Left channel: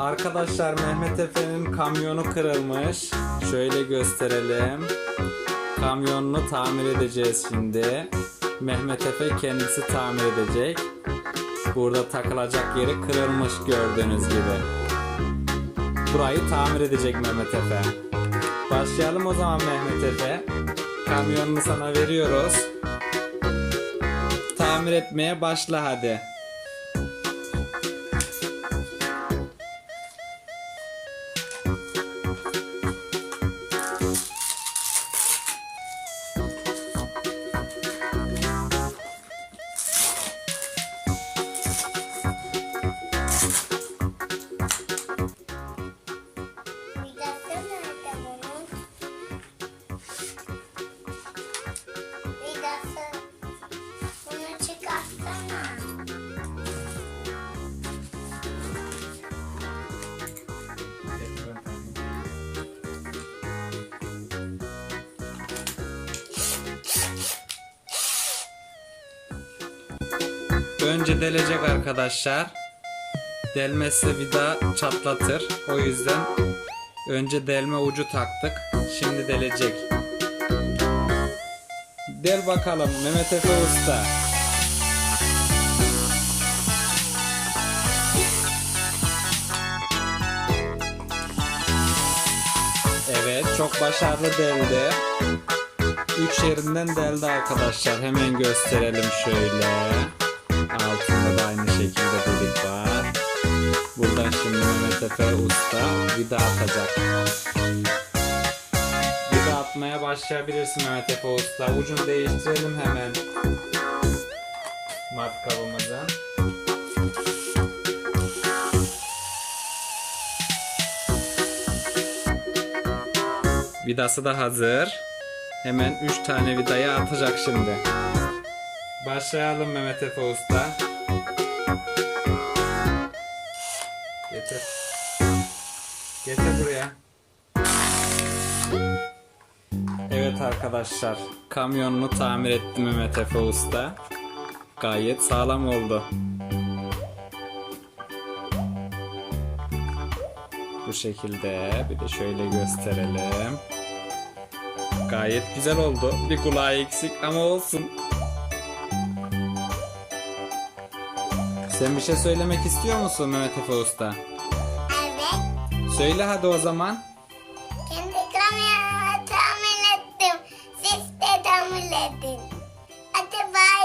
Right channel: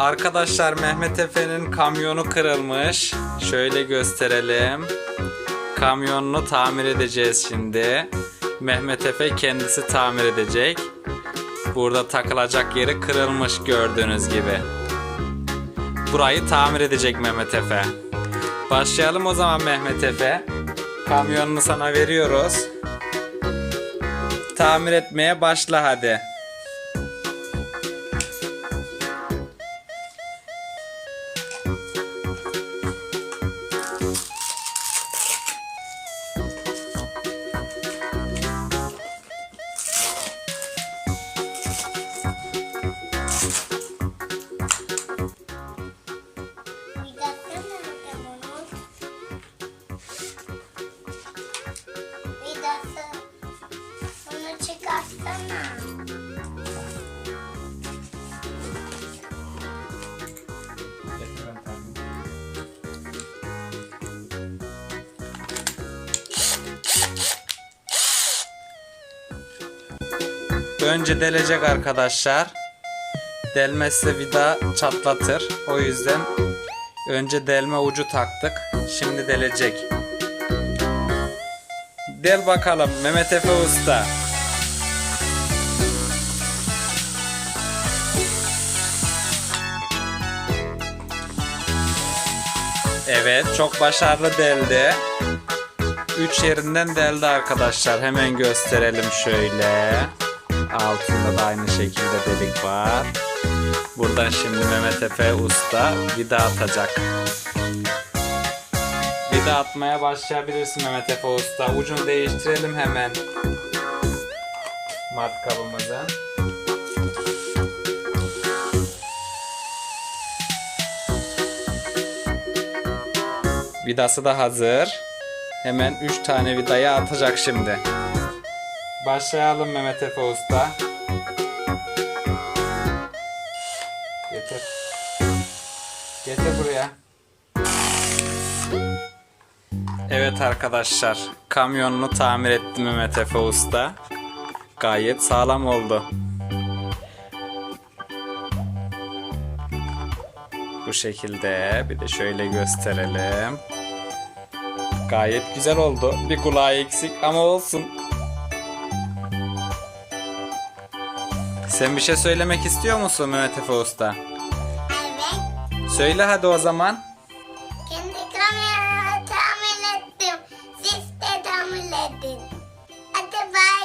Arkadaşlar Mehmet Efe'nin kamyonu kırılmış. Şöyle gösterelim. Kamyonunu tamir edeceğiz şimdi. Mehmet Efe kendisi tamir edecek. Burada takılacak yeri kırılmış gördüğünüz gibi. Burayı tamir edecek Mehmet Efe. Başlayalım o zaman Mehmet Efe. Kamyonunu sana veriyoruz. Tamir etmeye başla hadi. Önce delecek arkadaşlar. Delmezse vida çatlatır. O yüzden önce delme ucu taktık. Şimdi delecek. Del bakalım Mehmet Efe Usta. Evet çok başarılı deldi. Üç yerinden deldi arkadaşlar. Hemen gösterelim şöyle. Altında da aynı şekilde delik var. Buradan şimdi Mehmet Efe Usta vida atacak. Vida atmaya başlayabilirsin Mehmet Efe Usta. Ucunu değiştirelim hemen. Matkabımızı. Vidası da hazır. Hemen 3 tane vidayı atacak şimdi. Başlayalım Mehmet Efe Usta. Getir. Getir buraya. Evet arkadaşlar. Kamyonunu tamir etti Mehmet Efe Usta. Gayet sağlam oldu. Bu şekilde. Bir de şöyle gösterelim. Gayet güzel oldu. Bir kulağı eksik ama olsun. Sen bir şey söylemek istiyor musun Mehmet Efe Usta? Evet. Söyle hadi o zaman. Kendi kameramı tamir ettim. Siz de tamir edin. Hadi bay.